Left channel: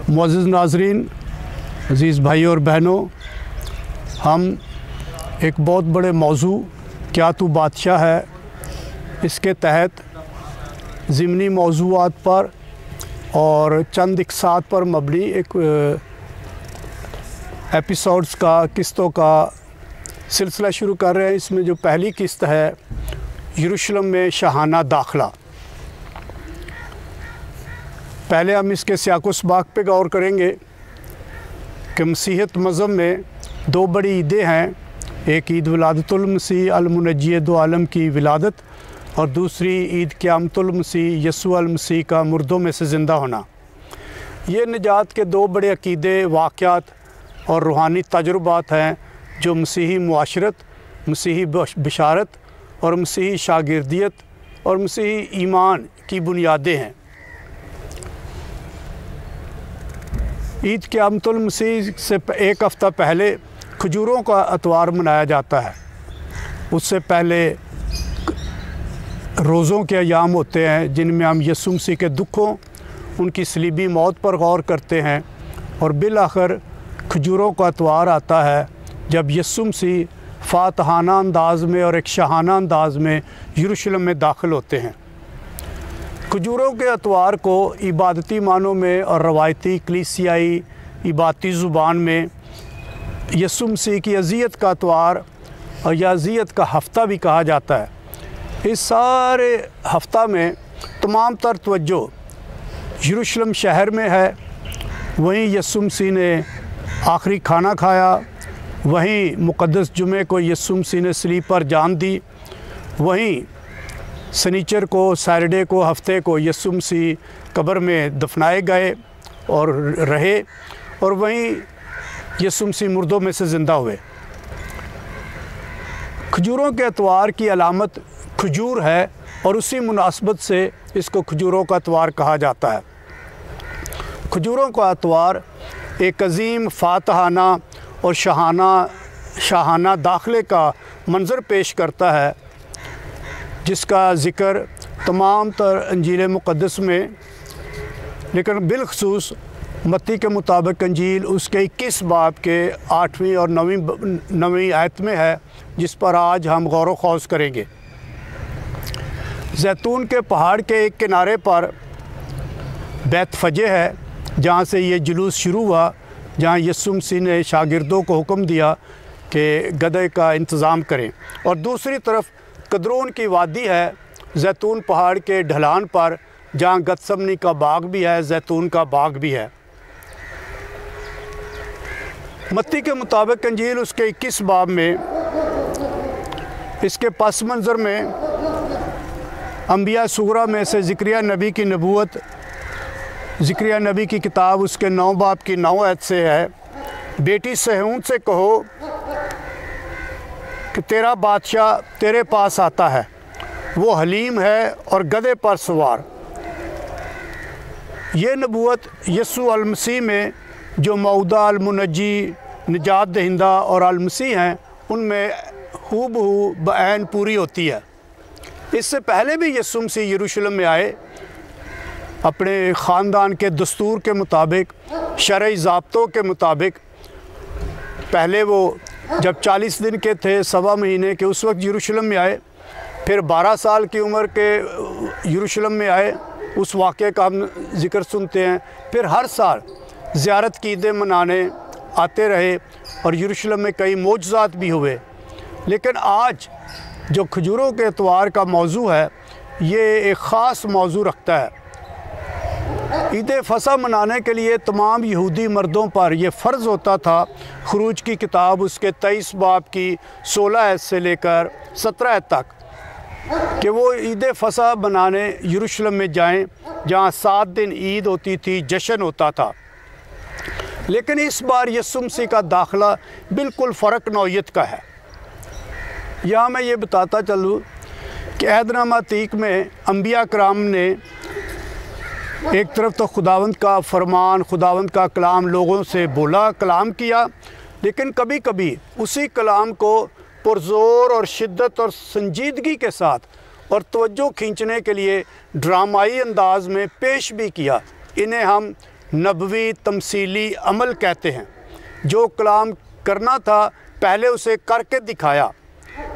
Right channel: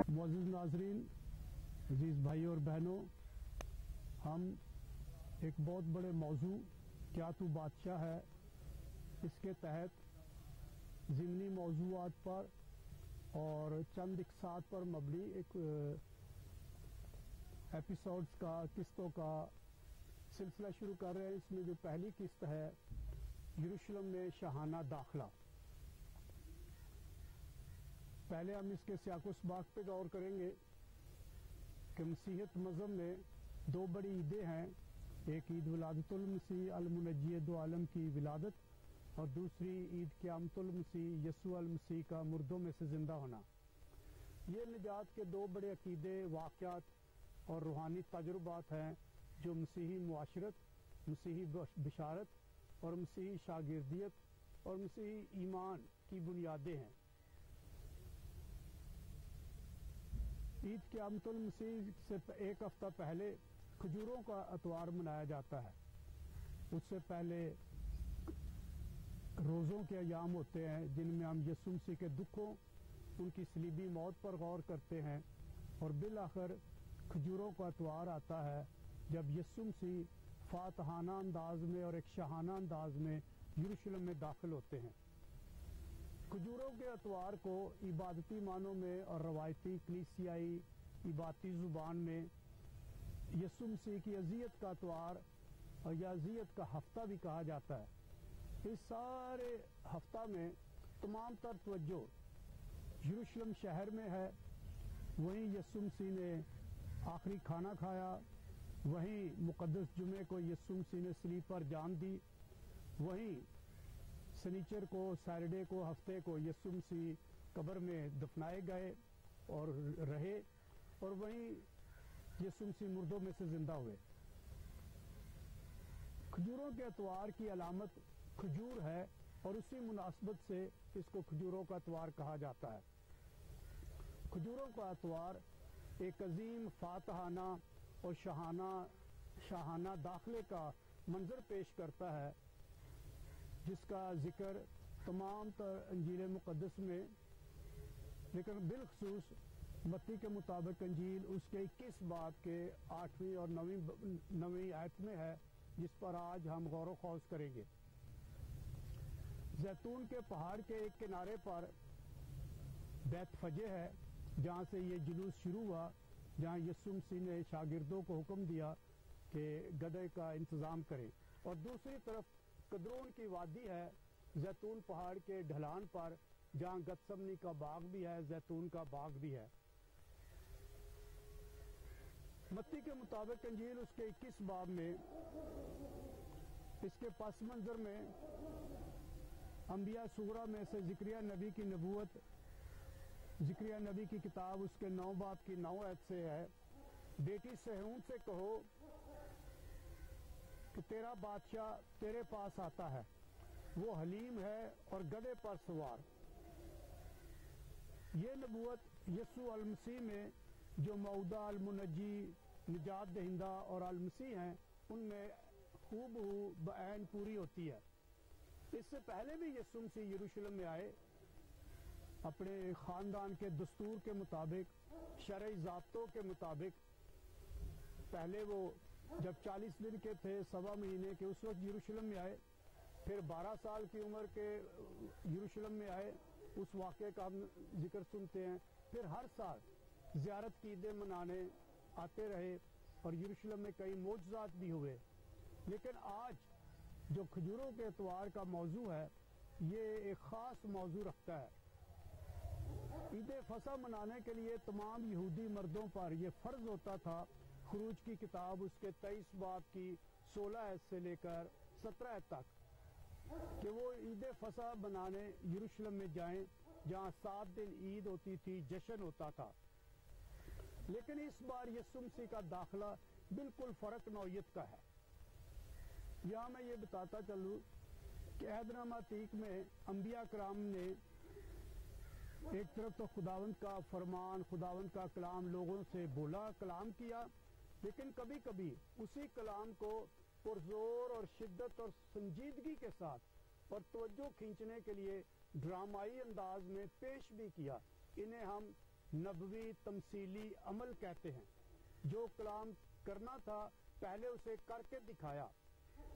मुअज़्ज़िज़ नाज़रीन, अज़ीज़ भाई और बहनों, हम एक बहुत बड़े मौजू क्या तू बादशाह है इसके तहत ज़िमनी मौज़ूआत पर और चंद इक़सात पर मबनी एक एपिसोड्स का किस्तों का सिलसिला शुरू कर रहे हैं। इसमें जो पहली किस्त है यरूशलेम में शाहाना दाखिला। पहले हम इसके सियाक़-ओ-सबाक़ पे गौर करेंगे कि मसीहत मज़हब में दो बड़ी ईदें हैं, एक ईद विलादतुल मसीह अल-मुनज्जी दो आलम की विलादत और दूसरी ईद क़यामतुल मसीह यसू अल मसीह का मुर्दों में से ज़िंदा होना। ये निजात के दो बड़े अक़ीदे, वाक़यात और रूहानी तजुर्बात हैं जो मसीही मुआशरत, मसीही बिशारत और मसीही शागिर्दियत और मसीही ईमान की बुनियादें हैं। ईद क़यामतुल मसीह से एक हफ़्ता पहले खजूरों का अतवार मनाया जाता है। उससे पहले रोज़ों के अयाम होते हैं जिनमें हम यसू मसीह के दुखों, उनकी सलीबी मौत पर गौर करते हैं और बिलाखिर खजूरों का अतवार आता है जब यसू मसीह फ़ातहाना अंदाज़ में और एक शाहाना अंदाज़ में यरूशलेम में दाखिल होते हैं। खजूरों के अतवार को इबादती मानों में और रवायती कलीसियाई इबादती ज़ुबान में यसू मसीह की अज़ियत का अतवार और या अज़ियत का हफ़्ता भी कहा जाता है। इस सारे हफ़्ता में तमाम तर तवज्जो यरूशलेम शहर में है। वहीं यसू मसीह ने आखिरी खाना खाया, वहीं मुक़द्दस जुमे को यसू मसीह ने सलीब पर जान दी, वहीं सनीचर को, सैटरडे को, हफ्ते को यसू मसीह कब्र में दफनाए गए और रहे और वहीं यसू मसीह मुर्दों में से ज़िंदा हुए। खजूरों के अतवार की अलामत खजूर है और उसी मुनासबत से इसको खजूरों का अतवार कहा जाता है। खजूरों का अतवार एक अज़ीम फ़ातहाना और शाहाना दाखिले का मंज़र पेश करता है जिसका ज़िक्र तमाम तर अंजील मुक़द्दस में, लेकिन बिलखसूस मत्ती के मुताबिक अंजील उसके 21 बाब के 8वीं और 9वीं आयत में है, जिस पर आज हम गौर व खौज़ करेंगे। जैतून के पहाड़ के एक किनारे पर बैतफ़जे है जहाँ से ये जुलूस शुरू हुआ, जहाँ यसू मसीह ने शागिर्दों को हुक्म दिया कि गदे का इंतज़ाम करें, और दूसरी तरफ कदरोन की वादी है जैतून पहाड़ के ढलान पर जहाँ गतसमनी का बाग भी है, जैतून का बाग भी है। मत्ती के मुताबिक अंजील उसके 21 बाब में इसके पस मंज़र में अंबिया सुगरा में से ज़िक्रिया नबी की नबूवत, ज़िक्रिया नबी की किताब उसके 9 बाब की 9 आयत से है, बेटी सहून से कहो कि तेरा बादशाह तेरे पास आता है, वो हलीम है और गधे पर सवार। ये नबूवत यसू अल मसीह में जो मौदा अल मुनज्जी, निजात दहिंदा और अल मसीह हैं उनमें हूबहू बऐन पूरी होती है। इससे पहले भी यसू मसीह यरूशलेम में आए, अपने ख़ानदान के दस्तूर के मुताबिक, शरई ज़ाब्तों के मुताबिक। पहले वो जब 40 दिन के थे, सवा महीने के, उस वक्त यरूशलेम में आए। फिर 12 साल की उम्र के यरूशलेम में आए, उस वाक़े का हम ज़िक्र सुनते हैं। फिर हर साल ज़ियारत की ईदें मनाने आते रहे और यरूशलेम में कई मोजज़ात भी हुए। लेकिन आज जो खजूरों के अतवार का मौजू है, ये एक ख़ास मौजू रखता है। ईद फ़सह मनाने के लिए तमाम यहूदी मर्दों पर यह फ़र्ज़ होता था, ख़ुरूज की किताब उसके 23 बाब की 16 आयत से लेकर 17 आयत तक, कि वो ईद फ़सह मनाने यरूशलेम में जाएं, जहाँ 7 दिन ईद होती थी, जश्न होता था। लेकिन इस बार यसू मसीह का दाखिला बिल्कुल फ़र्क नौइयत का है। यहाँ मैं ये बताता चलूँ कि अहदनामा अतीक में अंबिया कराम ने एक तरफ तो खुदावंद का फरमान, खुदावंद का कलाम लोगों से बोला, कलाम किया, लेकिन कभी कभी उसी कलाम को पुरज़ोर और शिद्दत और संजीदगी के साथ और तवज्जो खींचने के लिए ड्रामाई अंदाज में पेश भी किया। इन्हें हम नबवी तमसीली अमल कहते हैं। जो कलाम करना था पहले उसे करके दिखाया।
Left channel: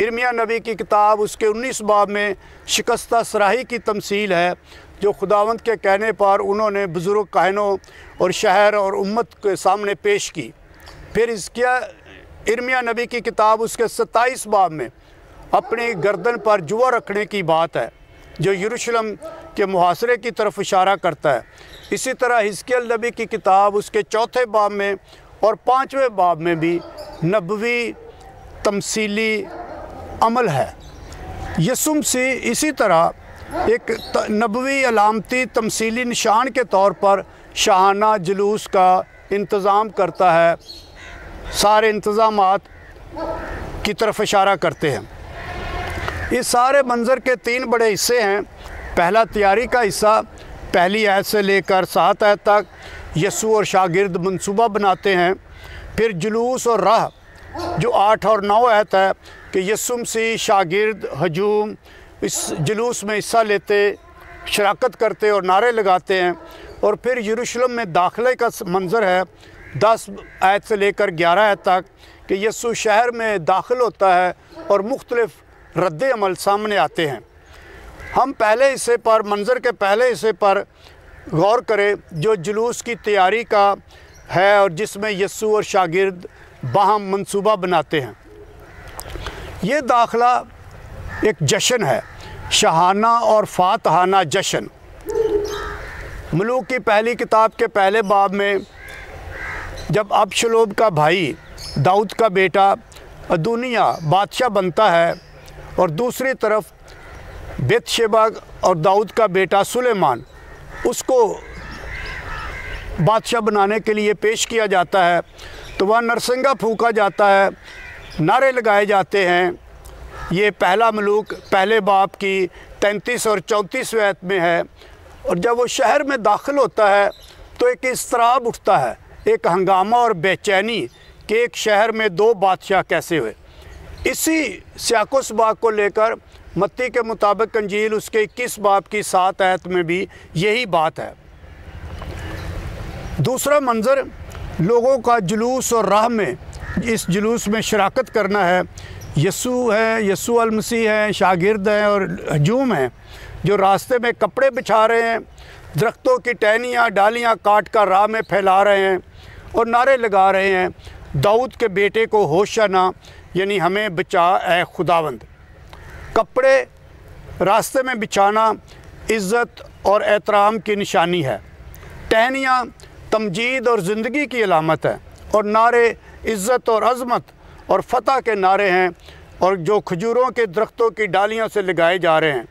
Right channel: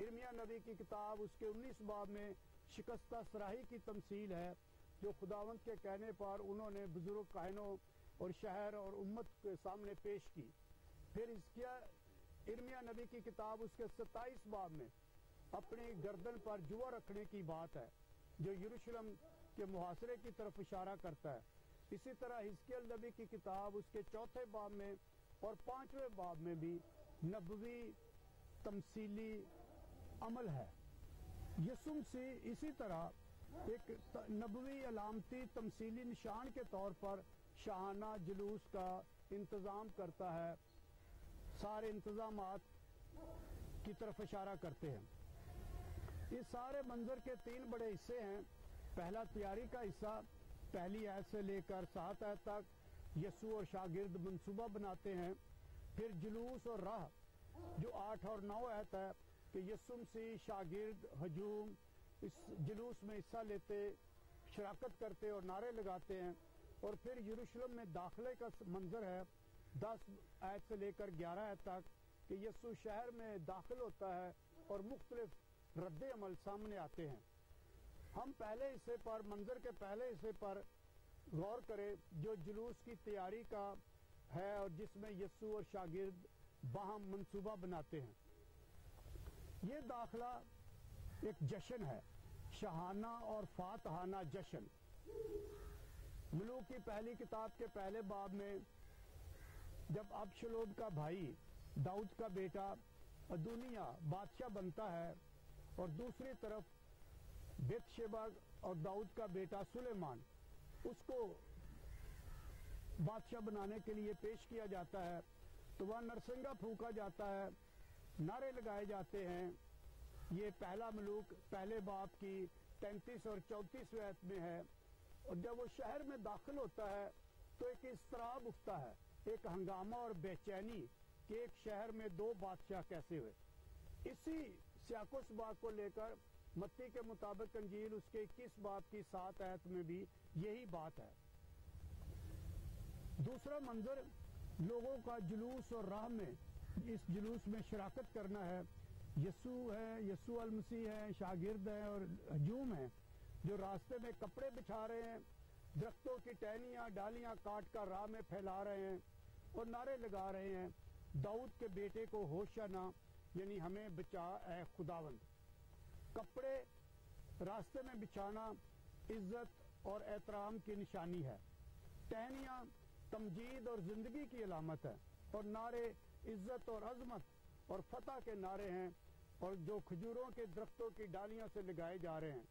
इर्मिया नबी की किताब उसके 19 बाब में शिकस्ता सराही की तमसील है जो खुदावंद के कहने पर उन्होंने बुज़ुर्ग काहिनों और शहर और उम्मत के सामने पेश की। फिर इसका इर्मिया नबी की किताब उसके 27 बाब में अपनी गर्दन पर जुआ रखने की बात है जो यरूशलेम के मुहासरे की तरफ इशारा करता है। इसी तरह हिजकिय्याह नबी की किताब उसके 4 बाब में और 5वें बाब में भी नबवी तमसीली अमल है। यीशु मसीह इसी तरह एक नबवी अलामती तमसीली निशान के तौर पर शाहाना जुलूस का इंतज़ाम करता है। सारे इंतज़ामात की तरफ इशारा करते हैं। इस सारे मंज़र के 3 बड़े हिस्से हैं। पहला तैयारी का हिस्सा, पहली आयत से लेकर 7 आयत तक यीशु और शागिर्द मंसूबा बनाते हैं। फिर जुलूस और राह जो 8 और 9 आयत है कि यीशु मसीह शागिर्द हजूम इस जुलूस में हिस्सा लेते, शराकत करते और नारे लगाते हैं। और फिर यरूशलेम में दाखिले का मंज़र है 10 आयत से लेकर 11 आयत तक कि यीशु शहर में दाखिल होता है और मुख्तलिफ़ रद्द अमल सामने आते हैं। हम पहले हिस्से पर, मंज़र के पहले हिस्से पर गौर करें जो जुलूस की तैयारी का है और जिसमें यीशु और शागिर्द बाहम मंसूबा बनाते हैं। ये दाखिला एक जश्न है, शाहाना और फातहाना जश्न। मलूक की पहली किताब के पहले बाब में जब अबशलोम का भाई दाऊद का बेटा अदोनिया बादशाह बनता है और दूसरी तरफ बेतशेबा और दाऊद का बेटा सुलेमान उसको बादशाह बनाने के लिए पेश किया जाता है, तो वह नरसिंगा फूंका जाता है, नारे लगाए जाते हैं। ये पहला मलूक पहले बाब की 33 और 34वें आयत में है। और जब वो शहर में दाखिल होता है तो एक इस्तराब उठता है, एक हंगामा और बेचैनी कि एक शहर में 2 बादशाह कैसे हुए। इसी सियाको सबाक को लेकर मत्ती के मुताबिक अंजील उसके 21 बाब की 7 आयत में भी यही बात है। दूसरा मंज़र लोगों का जुलूस और राह में इस जुलूस में शराकत करना है। यीशु है, यीशु अल मसीह हैं, शागिर्द हैं और हजूम हैं जो रास्ते में कपड़े बिछा रहे हैं, दरख्तों की टहनियाँ डालियाँ काट कर राह में फैला रहे हैं और नारे लगा रहे हैं, दाऊद के बेटे को होशाना, यानी हमें बचा ऐ खुदावंद। कपड़े रास्ते में बिछाना इज़्ज़त और एहतराम की निशानी है। टहनियाँ तमजीद और ज़िंदगी की अलामत है और नारे इज़्ज़त और अज़मत और फ़तह के नारे हैं और जो खजूरों के दरख्तों की डालियों से लगाए जा रहे हैं।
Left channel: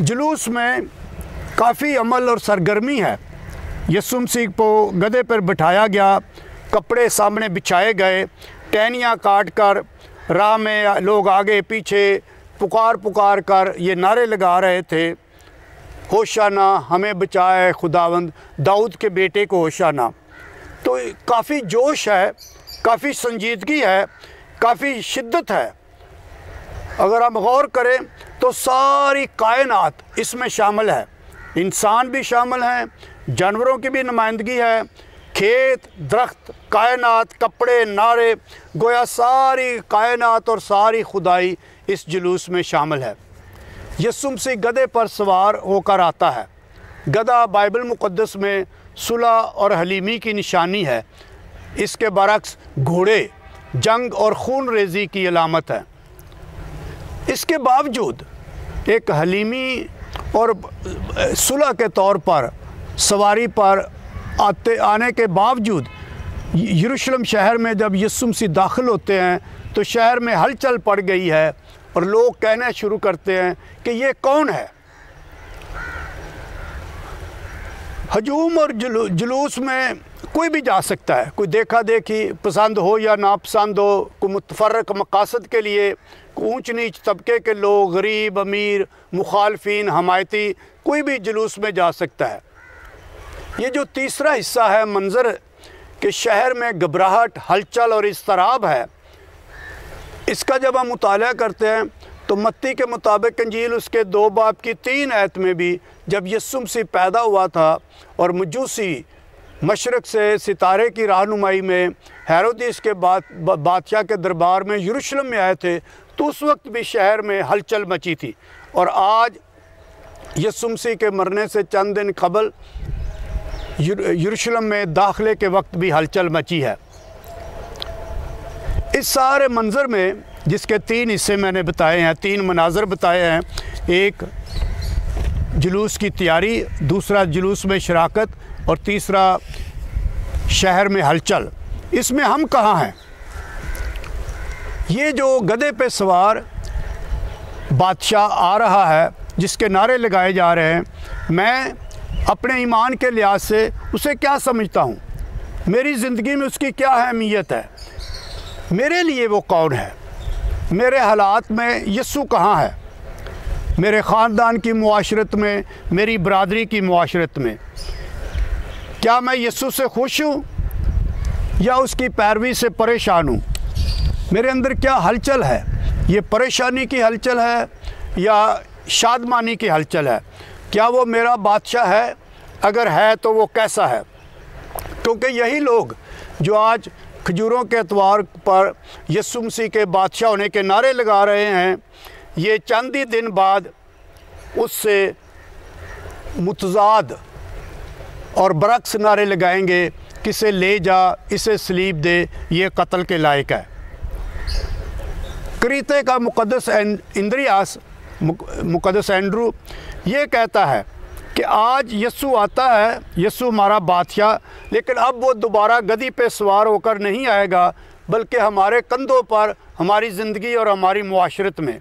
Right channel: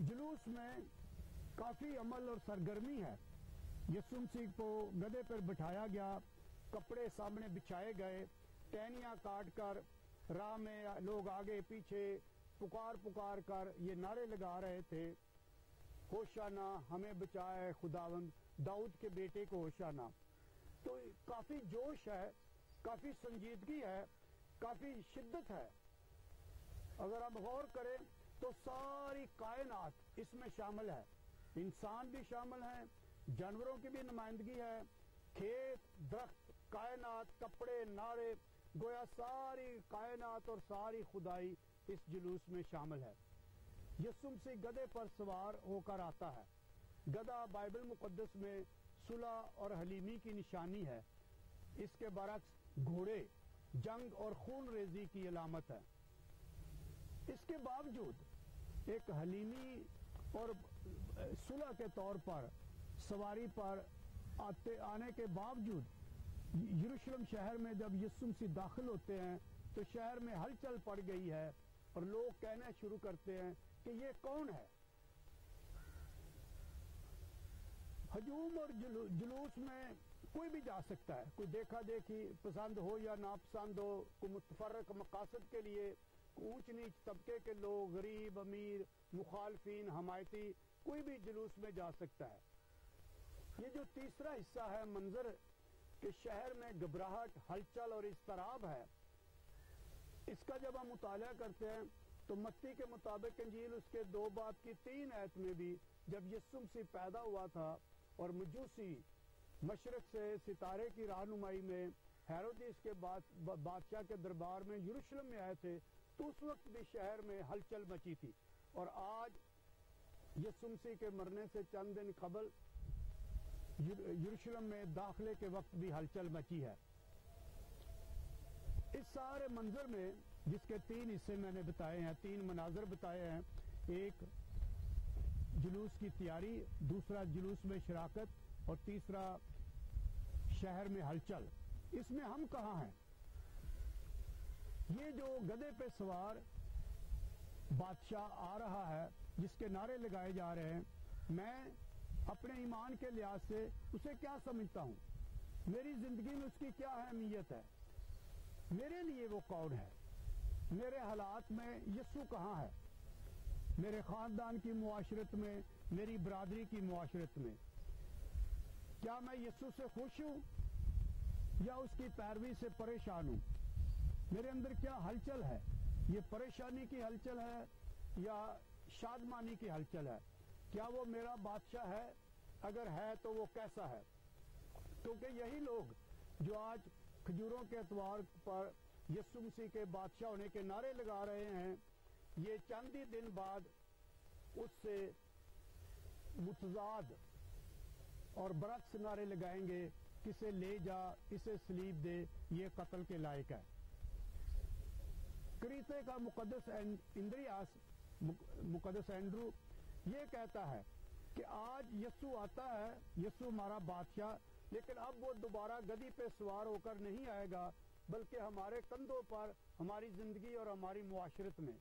जुलूस में काफ़ी अमल और सरगर्मी है। यीशु मसीह को गधे पर बिठाया गया, कपड़े सामने बिछाए गए, टहनियाँ काट कर राह में लोग आगे पीछे पुकार पुकार कर ये नारे लगा रहे थे, होशाना, हमें बचाए खुदावंद, दाऊद के बेटे को होशाना। तो काफ़ी जोश है, काफ़ी संजीदगी है, काफ़ी शिद्दत है। अगर हम गौर करें तो सारी कायनात इसमें शामिल है, इंसान भी शामिल हैं, जानवरों की भी नुमाइंदगी है, खेत, दरख्त, कायनात, कपड़े, नारे, गोया सारी कायनात और सारी खुदाई इस जुलूस में शामिल है। यीशु मसीह गधे पर सवार होकर आता है। गधा बाइबल मुक़द्दस में सुलह और हलीमी की निशानी है। इसके बरक्स घोड़े जंग और खून रेज़ी की अलामत है। इसके बावजूद एक हलीमी और सुलह के तौर पर सवारी पर आने के बावजूद यरूशलेम शहर में जब यीशु मसीह दाखिल होते हैं तो शहर में हलचल पड़ गई है और लोग कहना शुरू करते हैं कि ये कौन है। हजूम और जुलूस में कोई भी जा सकता है, कोई देखा देखी पसंद हो या नापसंद हो, कोई मुतफर्रक मकासद के लिए, ऊंच नीच तबके के लोग, गरीब अमीर, मुखालफिन हमायती, कोई भी जुलूस में जा सकता है। ये जो तीसरा हिस्सा है मंज़र के शहर में घबराहट, हलचल और इस्तराब है, इसका जब हम मुताला करते हैं تو متی کے مطابق انجیل اس کے 2 باب کی 3 آیت میں بھی جب یسوع مسیح پیدا ہوا تھا اور مجوسی مشرق سے ستارے کی رہنمائی میں ہیرودیس کے بادشاہ کے دربار میں یروشلم میں آئے تھے، تو اس وقت بھی شہر میں ہلچل مچی تھی، اور آج یسوع مسیح کے مرنے سے چند دن قبل یروشلم میں داخلے کے وقت بھی ہلچل مچی ہے۔ اس سارے منظر میں جس کے 3 حصے میں نے بتائے ہیں، 3 مناظر بتائے ہیں، ایک جلوس کی تیاری، دوسرا جلوس میں شراکت، اور تیسرا شہر میں ہلچل، اس میں ہم کہاں ہیں؟ یہ جو گدھے پہ سوار بادشاہ آ رہا ہے جس کے نعرے لگائے جا رہے ہیں، میں اپنے ایمان کے لحاظ سے اسے کیا سمجھتا ہوں؟ میری زندگی میں اس کی کیا اہمیت ہے؟ میرے لیے وہ کون ہے؟ میرے حالات میں یسوع کہاں ہے؟ میرے خاندان کی معاشرت میں، میری برادری کی معاشرت میں کیا میں یسوع سے خوش ہوں یا اس کی پیروی سے پریشان ہوں؟ میرے اندر کیا ہلچل ہے؟ یہ پریشانی کی ہلچل ہے یا شادمانی کی ہلچل ہے؟ کیا وہ میرا بادشاہ ہے؟ اگر ہے تو وہ کیسا ہے؟ کیونکہ یہی لوگ جو آج کھجوروں کے اتوار پر یسوع مسیح کے بادشاہ ہونے کے نعرے لگا رہے ہیں، یہ چند ہی دن بعد اس سے متضاد اور برعکس نعرے لگائیں گے، کسے لے جا، اسے صلیب دے، یہ قتل کے لائق ہے۔ کریتے کا مقدس اندریاس، مقدس اینڈرو، یہ کہتا ہے کہ آج یسوع آتا ہے، یسوع ہمارا بادشاہ، لیکن اب وہ دوبارہ گدھی پہ سوار ہو کر نہیں آئے گا، بلکہ ہمارے کندھوں پر، ہماری زندگی اور ہماری معاشرت میں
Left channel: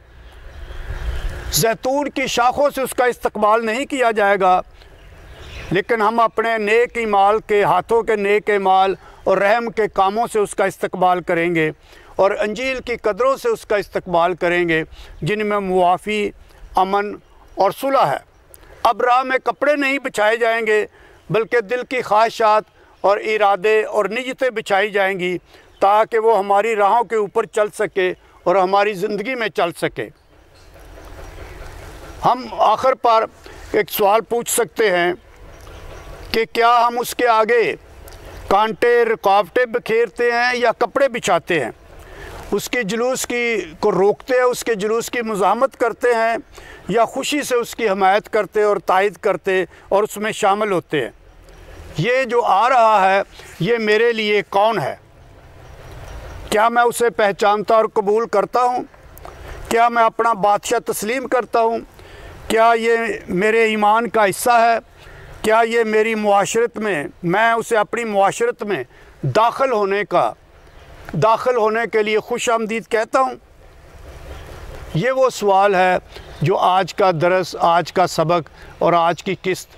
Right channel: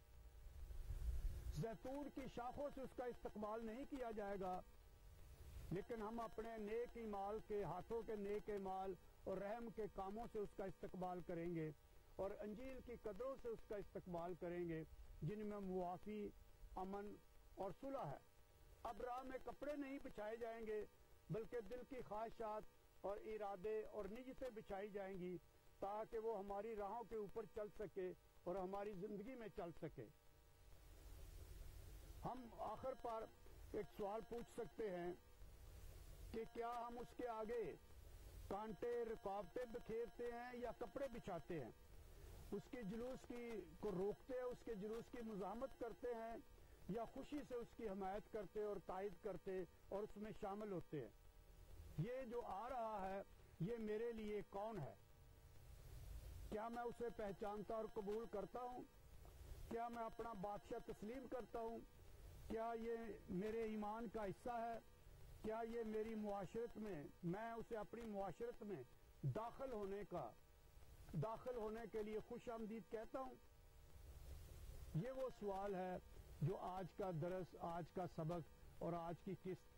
زیتون کی شاخوں سے اس کا استقبال نہیں کیا جائے گا، لیکن ہم اپنے نیک اعمال کے، ہاتھوں کے نیک اعمال اور رحم کے کاموں سے اس کا استقبال کریں گے، اور انجیل کی قدروں سے اس کا استقبال کریں گے، جن میں معافی، امن اور صلح ہے۔ اب راہ میں کپڑے نہیں بچھائے جائیں گے، بلکہ دل کی خواہشات اور ارادے اور نیتیں بچھائی جائیں گی، تاکہ وہ ہماری راہوں کے اوپر چل سکے اور ہماری زندگی میں چل سکے۔ ہم آخر پر ایک سوال پوچھ سکتے ہیں کہ کیا ہم اس کے آگے کانٹے، رکاوٹیں بکھیرتے ہیں یا کپڑے بچھاتے ہیں؟ اس کے جلوس کو روکتے ہیں، اس کے جلوس کی مزاحمت کرتے ہیں، یا خوشی سے اس کی حمایت کرتے اور تائید کرتے اور اس میں شامل ہوتے ہیں؟ یہ جو آ رہا ہے، یہ میرے لیے کون ہے؟ کیا میں اسے پہچانتا اور قبول کرتا ہوں؟ کیا میں اپنا بادشاہ تسلیم کرتا ہوں؟ کیا یہ میرے ایمان کا حصہ ہے؟ کیا یہ میری معاشرت میں اسے اپنی معاشرت میں داخل ہونے کے لیے خوش آمدید کہتا ہوں؟ یہ وہ سوال ہے جو آج کا درس، آج کا سبق اور آج کی قسط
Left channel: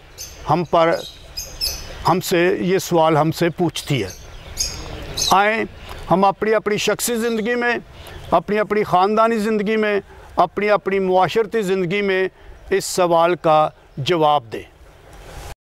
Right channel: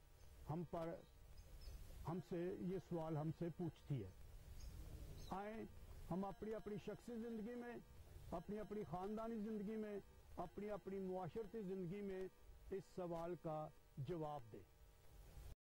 یہ سوال ہم سے پوچھتی ہے۔ آئیں ہم اپنی شخصی زندگی میں، اپنی خاندانی زندگی میں، اپنی معاشرتی زندگی میں اس سوال کا جواب دیں۔